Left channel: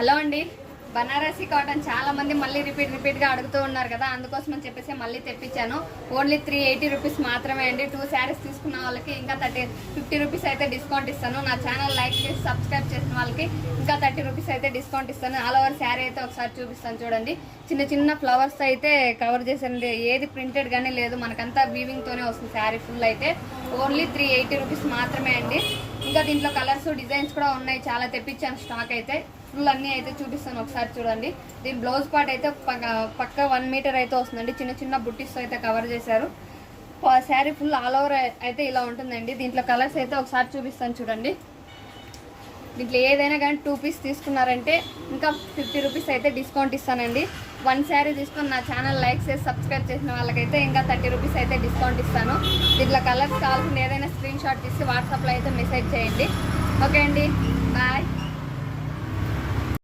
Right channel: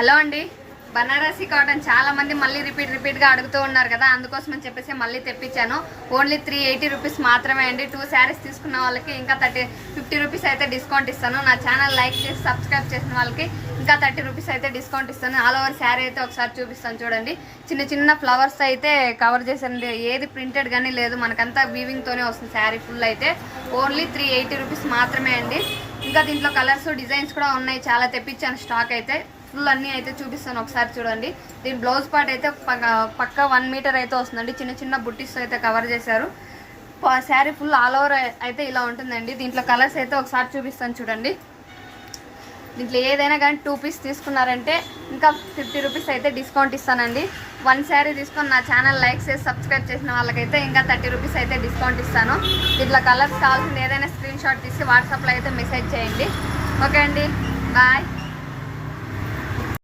Hello అండి, Banarasi cotton చాలా మంది మళ్ళీ రిపీట్గా అడుగుతూ ఉన్నారు కదా, అందుకోసం అని చెప్పేసి మళ్ళీ తెప్పించాను. ఓన్లీ 380 రూపీస్ మాత్రమే అండి. 2 శారీస్ తీసుకున్న వాళ్ళకి ఇంకా 50 రూపీస్ అయితే డిస్కౌంట్ ఇస్తాను. నా ఛానల్ లైక్ చేసి సబ్స్క్రైబ్ చేసిన వాళ్ళకి ఇంకా 30 రూపీస్ అయితే డిస్కౌంట్ ఇస్తాను. ఆల్ ఓవర్ శారీ అయితే ఒకసారి చూపిస్తాను చూడండి. చిన్న చిన్న ఫ్లవర్స్ అయితే కవర్ చేసాను, ఏది ప్రింటెడ్ కానీ లేదు, మనకంతా వీవింగ్తోనే వస్తుంది. శారీ ఫుల్ అయితే ఓన్లీ 380 రూపీస్ మాత్రమే అండి. ఇంకా దీంట్లో కలర్స్ డిజైన్స్ కూడా ఉన్నాయి, చాలా తెప్పించాను స్టాక్ అయితే. ఫుల్ అన్నీ అయితే చూపిస్తాను, ఒకసారి చూడండి. దీని బ్లౌజ్ పార్ట్ అయితే పక్క 1 మీటర్ అయితే వస్తుందండి. చిన్న చిన్న బుట్టీస్ అయితే కవర్ చేశారు. శారీ ఫుల్ ఆల్ ఓవర్ అయితే ఇలా ఉంటుందండి. దీంట్లో కలర్స్ అయితే ఒకసారి చూపిస్తాను చూడండి. దీంట్లో ఏదైనా కానీ 2 పీస్ తీసుకున్నారంటే ఇంకా 50 రూపీస్ అయితే డిస్కౌంట్ ఇస్తానండి. 1 శారీ తీసుకొని నా ఛానల్ లైక్ చేసి సబ్స్క్రైబ్ చేసిన వాళ్ళకైతే ఇంకా 30 రూపీస్ అయితే డిస్కౌంట్ ఇస్తాను. దీంట్లో కలర్స్ కావాల్సింది ఏదైనా స్క్రీన్ షాట్ తీసి వాట్సాప్లో అయితే మెసేజ్ చేయండి. ఓకే అండి, బాయ్.